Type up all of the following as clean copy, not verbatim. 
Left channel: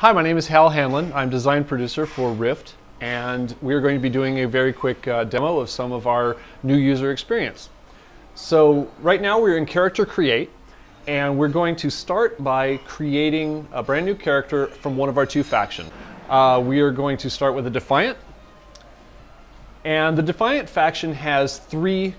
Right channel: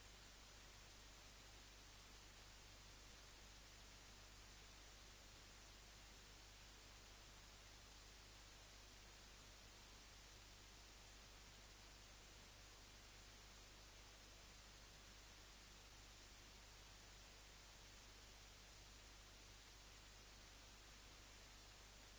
Hi, my name is Hal Hanlon. I'm design producer for Rift, and we're going to be doing a very quick demo of some of our new user experience. So right now we're in Character Create, and we're going to start by creating a brand new character from one of our two factions. We are going to start with a Defiant, and the Defiant faction has three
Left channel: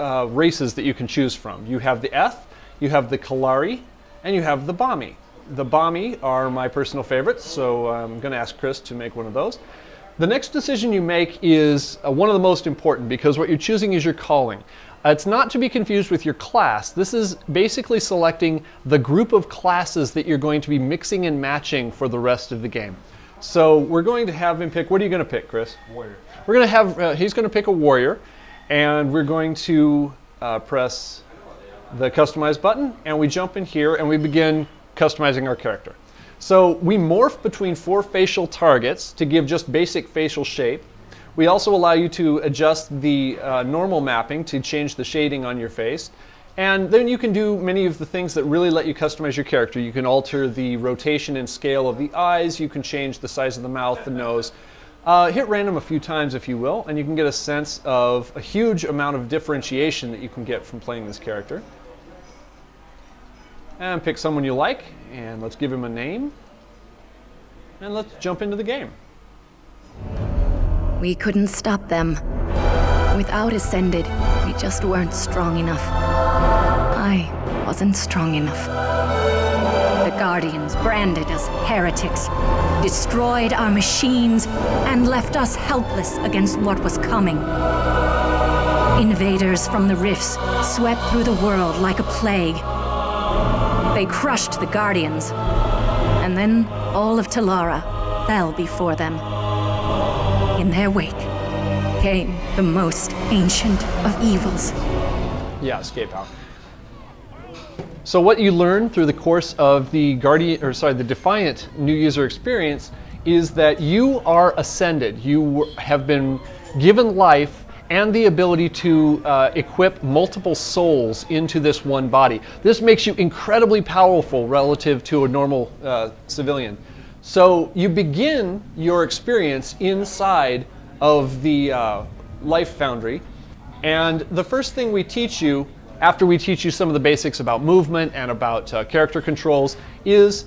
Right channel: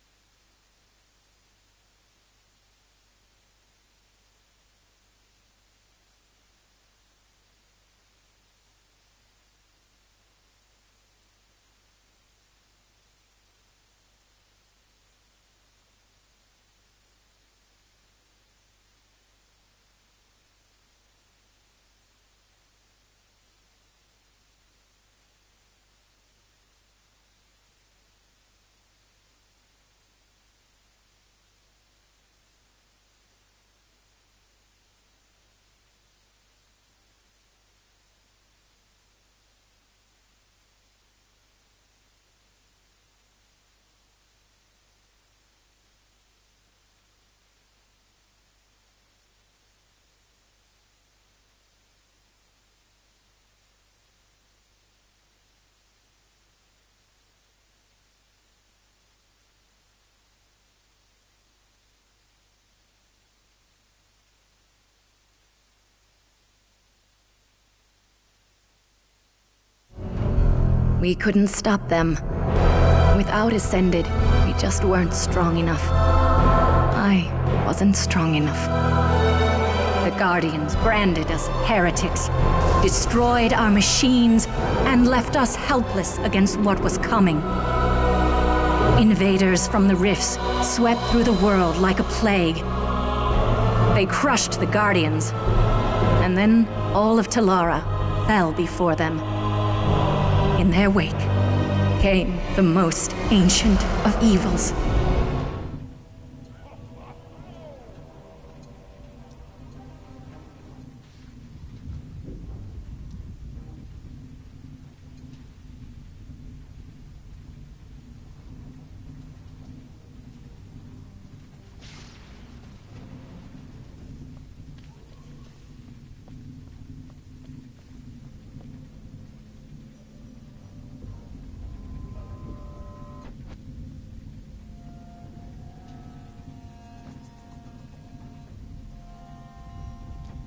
races that you can choose from. You have the Eth, you have the Kalari, and you have the Bami. The Bami are my personal favorites, so I'm going to ask Chris to make one of those. The next decision you make is one of the most important, because what you're choosing is your calling. It's not to be confused with your class. This is basically selecting the group of classes that you're going to be mixing and matching for the rest of the game. So we're going to have him pick, what are you going to pick, Chris? Warrior. We're going to have, he's going to pick a warrior, and we're going to press the customize button, and we jump in here and we begin customizing our character. So we morph between 4 facial targets to give just basic facial shape. We also allow you to adjust the normal mapping to change the shading on your face. And then you can do many of the things that really let you customize your character. You can alter the rotation and scale of the eyes. You can change the size of the mouth, the nose. Hit random a few times if you will, and you can get a sense of a huge amount of differentiation that you can get from playing this character. And pick someone you like, and let's give him a name, and let's jump into the game. We couldn't stop them. Without Ascended, we just weren't strong enough. I wasn't strong enough. The Guardians branded us heretics, destroyed our machines, and left us helpless against what was coming. Invaders from the rifts swept through the world like a plague. They crushed the Guardians, and then all of Talara fell before them. In their wake came the most ancient of evils. Yeah, escape out. So what you learn through the course of the the Defiant new user experience is that you are ascended. You have been given life and the ability to equip multiple souls into this one body. This makes you incredibly powerful relative to a normal civilian. So you begin your experience inside of the Life Foundry, and the first thing we teach you, after we teach you some of the basics about movement and about character controls, is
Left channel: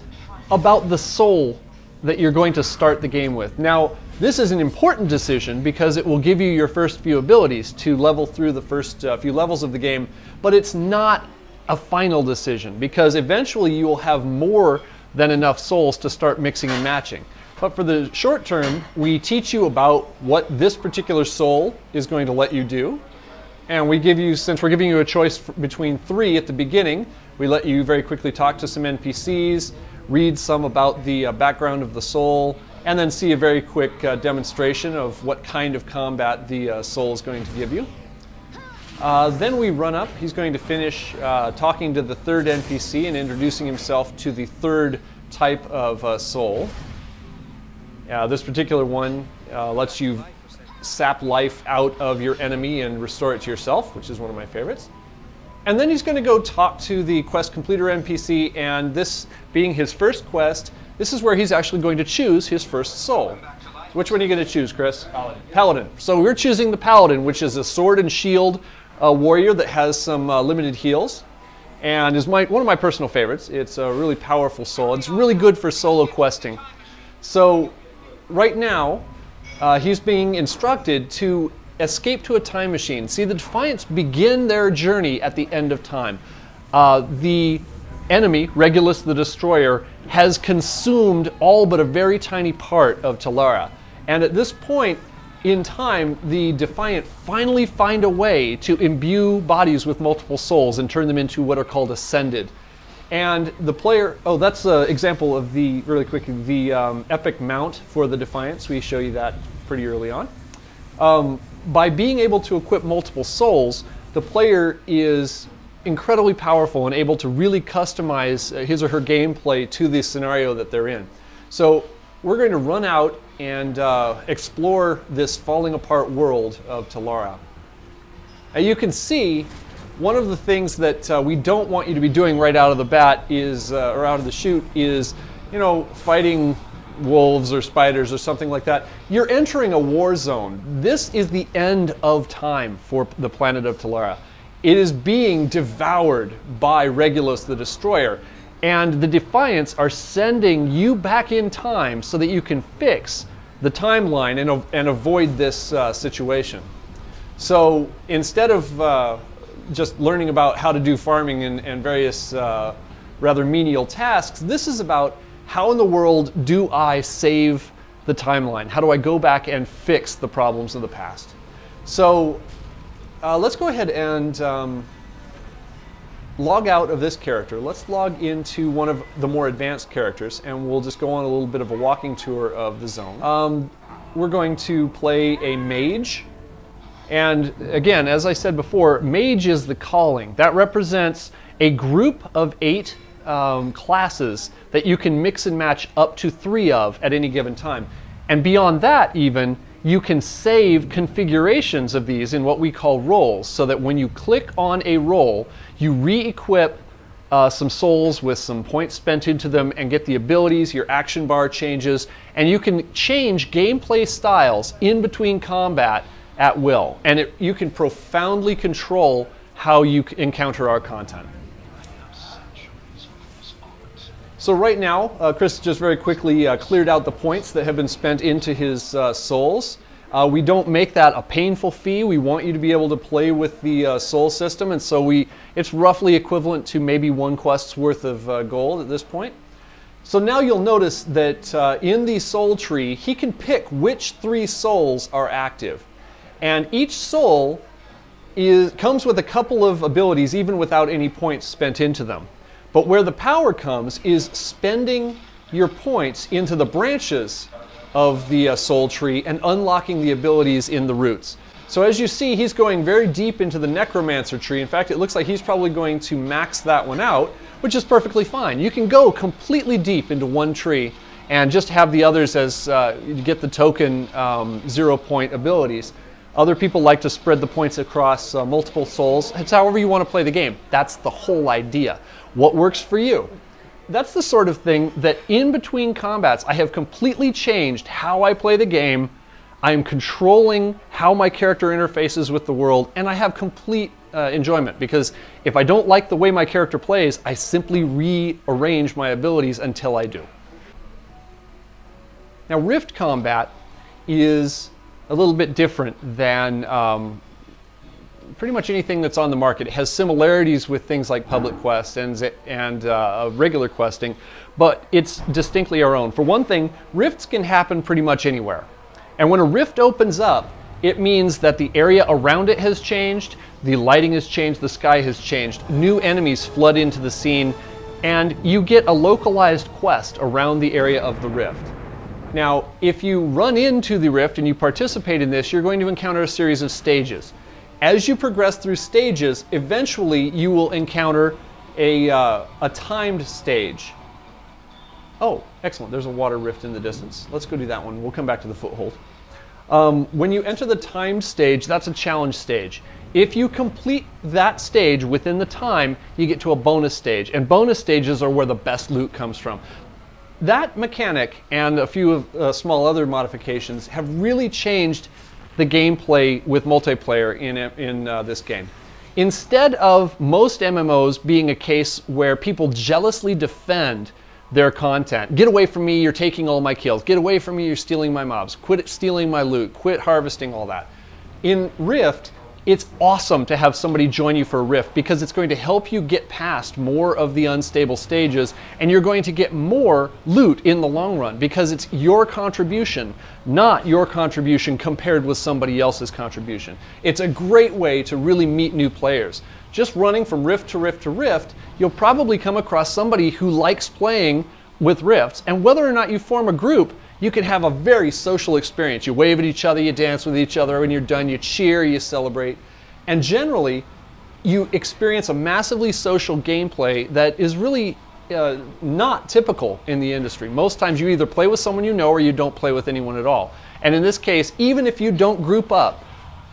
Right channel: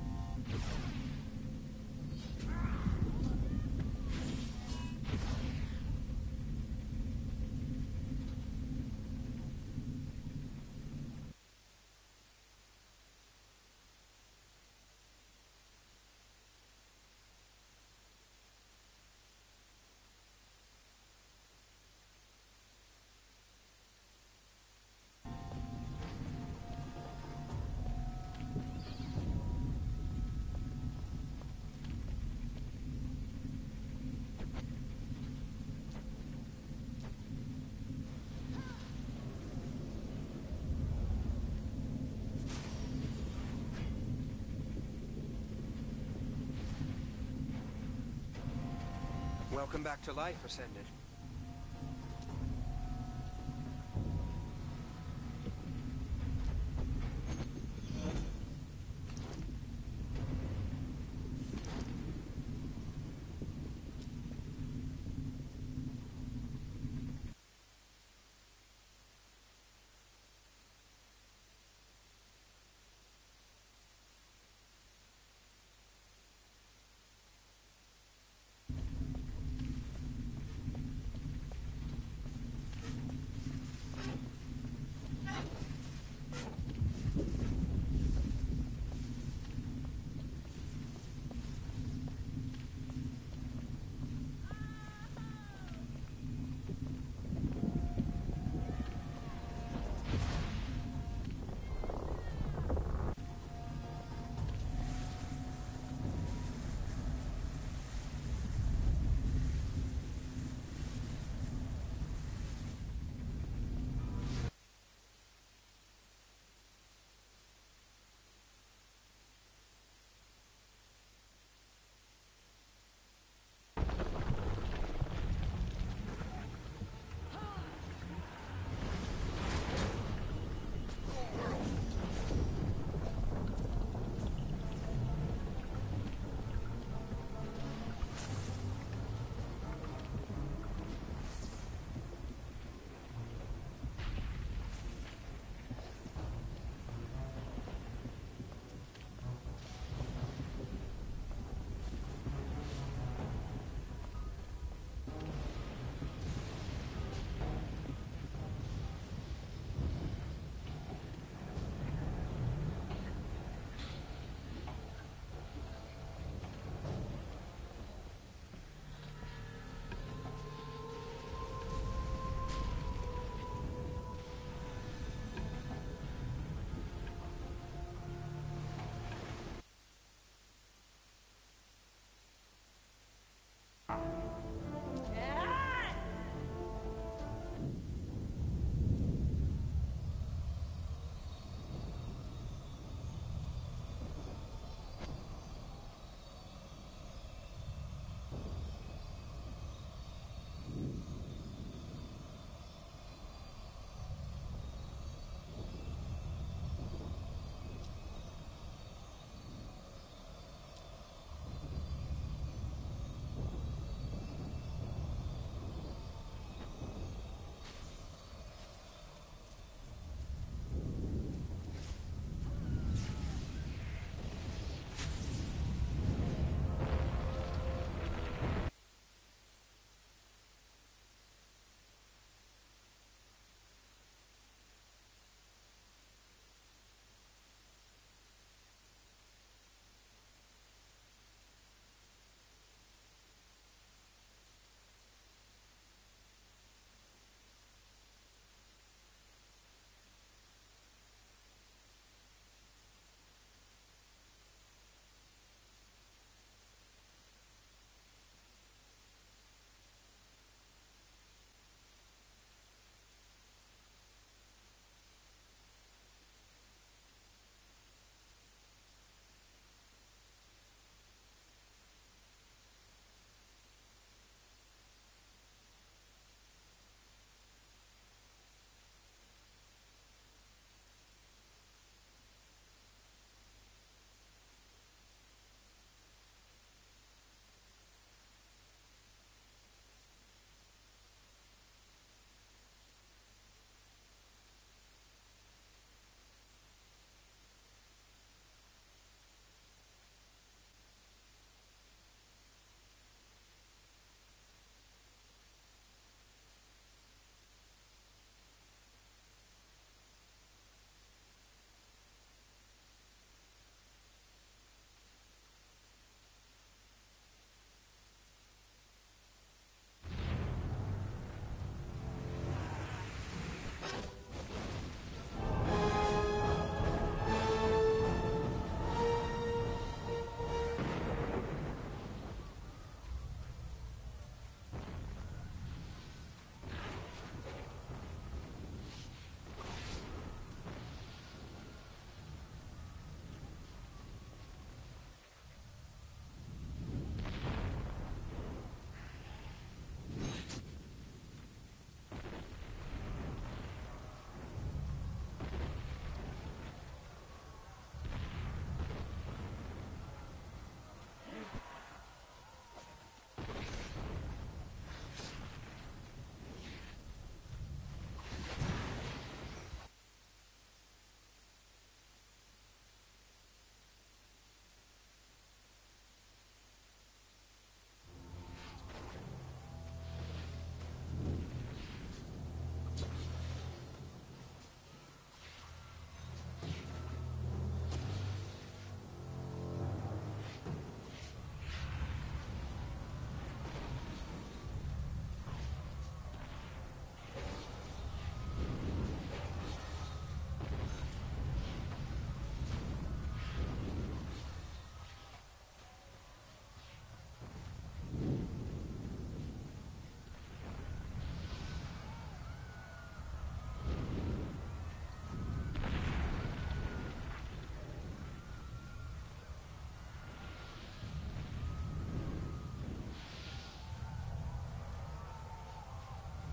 about the soul that you're going to start the game with. Now, this is an important decision because it will give you your first few abilities to level through the first few levels of the game, but it's not a final decision because eventually you will have more than enough souls to start mixing and matching. But for the short term, we teach you about what this particular soul is going to let you do, and we give you, since we're giving you a choice between 3 at the beginning, we let you very quickly talk to some NPCs, read some about the background of the soul, and then see a very quick demonstration of what kind of combat the soul is going to give you. Then we run up. He's going to finish talking to the 3rd NPC and introducing himself to the 3rd type of soul. This particular one lets you sap life out of your enemy and restore it to yourself, which is one of my favorites. And then he's going to go talk to the quest completer NPC, and this being his first quest, this is where he's actually going to choose his first soul. Which one are you going to choose, Chris? Paladin. Paladin. So we're choosing the Paladin, which is a sword and shield warrior that has some limited heals, and is one of my personal favorites. It's a really powerful soul. It's really good for solo questing. So right now, he's being instructed to escape to a time machine. See, the Defiants begin their journey at the end of time. The enemy, Regulus the Destroyer, has consumed all but a very tiny part of Talara. And at this point in time, the Defiant finally find a way to imbue bodies with multiple souls and turn them into what are called Ascended. And the player, oh, that's an example of the, really quickly, the epic mount for the Defiants. We show you that pretty early on. By being able to equip multiple souls, the player is incredibly powerful and able to really customize his or her gameplay to the scenario that they're in. So we're going to run out and explore this falling apart world of Talara. You can see one of the things that we don't want you to be doing right out of the bat is, or out of the chute, is, you know, fighting wolves or spiders or something like that, you're entering a war zone. This is the end of time for the planet of Talara. It is being devoured by Regulus the Destroyer, and the Defiants are sending you back in time so that you can fix the timeline and avoid this situation. So instead of just learning about how to do farming and various rather menial tasks, this is about how in the world do I save the timeline? How do I go back and fix the problems of the past? So let's go ahead and log out of this character. Let's log into one of the more advanced characters, and we'll just go on a little bit of a walking tour of the zone. We're going to play a mage. And again, as I said before, mage is the calling. That represents a group of 8 classes that you can mix and match up to 3 of at any given time. And beyond that even, you can save configurations of these in what we call roles, so that when you click on a role, you re-equip some souls with some points spent into them and get the abilities, your action bar changes, and you can change gameplay styles in between combat at will. And you can profoundly control how you encounter our content. So right now, Chris just very quickly cleared out the points that have been spent into his souls. We don't make that a painful fee. We want you to be able to play with the soul system, and so it's roughly equivalent to maybe 1 quest's worth of gold at this point. So now you'll notice that in the soul tree, he can pick which 3 souls are active. And each soul comes with a couple of abilities, even without any points spent into them. But where the power comes is spending your points into the branches of the soul tree and unlocking the abilities in the roots. So as you see, he's going very deep into the necromancer tree. In fact, it looks like he's probably going to max that one out, which is perfectly fine. You can go completely deep into one tree and just have the others as you get the token 0-point abilities. Other people like to spread the points across multiple souls. It's however you want to play the game. That's the whole idea. What works for you? That's the sort of thing that in between combats, I have completely changed how I play the game. I am controlling how my character interfaces with the world, and I have complete enjoyment, because if I don't like the way my character plays, I simply rearrange my abilities until I do. Now, Rift combat is a little bit different than pretty much anything that's on the market. It has similarities with things like public quest and regular questing, but it's distinctly our own. For one thing, rifts can happen pretty much anywhere. And when a rift opens up, it means that the area around it has changed, the lighting has changed, the sky has changed, new enemies flood into the scene, and you get a localized quest around the area of the rift. Now, if you run into the rift and you participate in this, you're going to encounter a series of stages. As you progress through stages, eventually you will encounter a timed stage. Oh, excellent. There's a water rift in the distance. Let's go do that one. We'll come back to the foothold. When you enter the timed stage, that's a challenge stage. If you complete that stage within the time, you get to a bonus stage. And bonus stages are where the best loot comes from. That mechanic and a few small other modifications have really changed the gameplay with multiplayer in this game. Instead of most MMOs being a case where people jealously defend their content, get away from me, you're taking all my kills, get away from me, you're stealing my mobs, quit stealing my loot, quit harvesting all that. In Rift, it's awesome to have somebody join you for a rift, because it's going to help you get past more of the unstable stages, and you're going to get more loot in the long run, because it's your contribution, not your contribution compared with somebody else's contribution. It's a great way to really meet new players. Just running from rift to rift to rift, you'll probably come across somebody who likes playing with rifts, and whether or not you form a group, you can have a very social experience. You wave at each other, you dance with each other, when you're done you cheer, you celebrate. And generally, you experience a massively social gameplay that is really not typical in the industry. Most times you either play with someone you know or you don't play with anyone at all. And in this case, even if you don't group up,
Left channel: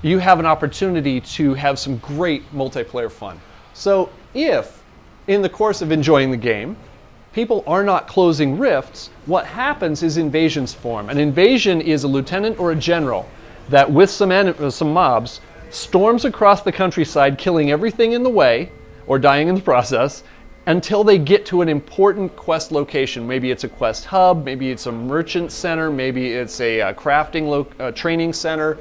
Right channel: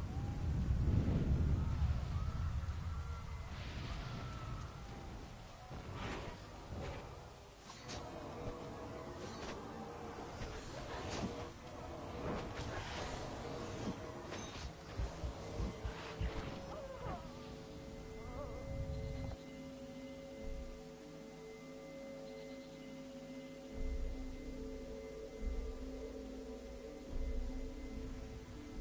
you have an opportunity to have some great multiplayer fun. So if, in the course of enjoying the game, people are not closing rifts, what happens is invasions form. An invasion is a lieutenant or a general that with some mobs storms across the countryside, killing everything in the way or dying in the process until they get to an important quest location. Maybe it's a quest hub, maybe it's a merchant center, maybe it's a crafting training center,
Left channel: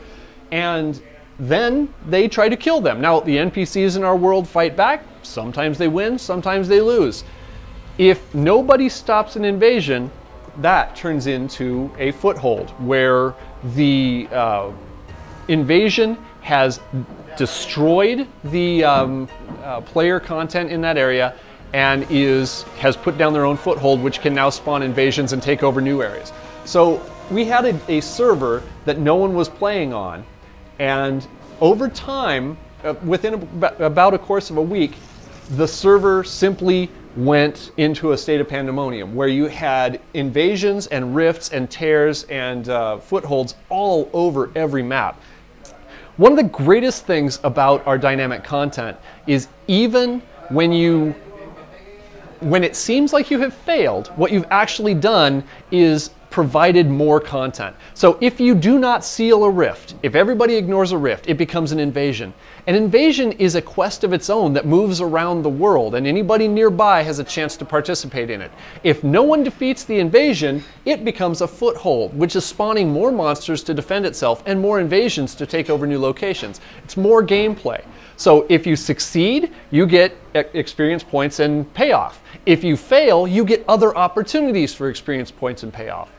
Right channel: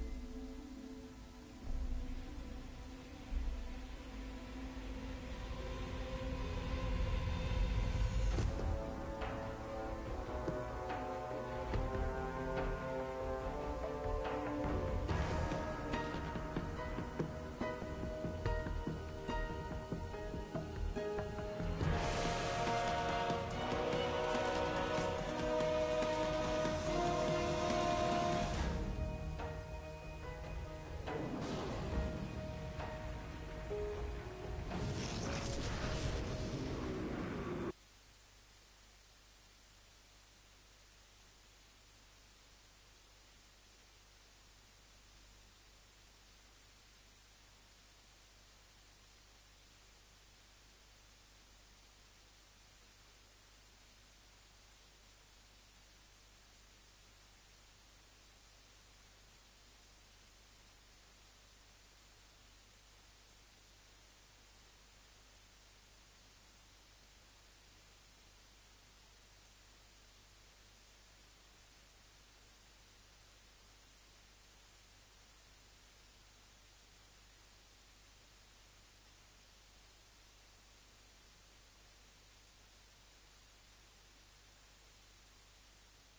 and then they try to kill them. Now, the NPCs in our world fight back. Sometimes they win, sometimes they lose. If nobody stops an invasion, that turns into a foothold where the invasion has destroyed the player content in that area and has put down their own foothold, which can now spawn invasions and take over new areas. So we had a server that no one was playing on, and over time, within about a course of a week, the server simply went into a state of pandemonium where you had invasions and rifts and tears and footholds all over every map. One of the greatest things about our dynamic content is even when it seems like you have failed, what you've actually done is provided more content. So if you do not seal a rift, if everybody ignores a rift, it becomes an invasion. An invasion is a quest of its own that moves around the world, and anybody nearby has a chance to participate in it. If no one defeats the invasion, it becomes a foothold, which is spawning more monsters to defend itself and more invasions to take over new locations. It's more gameplay. So if you succeed, you get experience points and payoff. If you fail, you get other opportunities for experience points and payoff.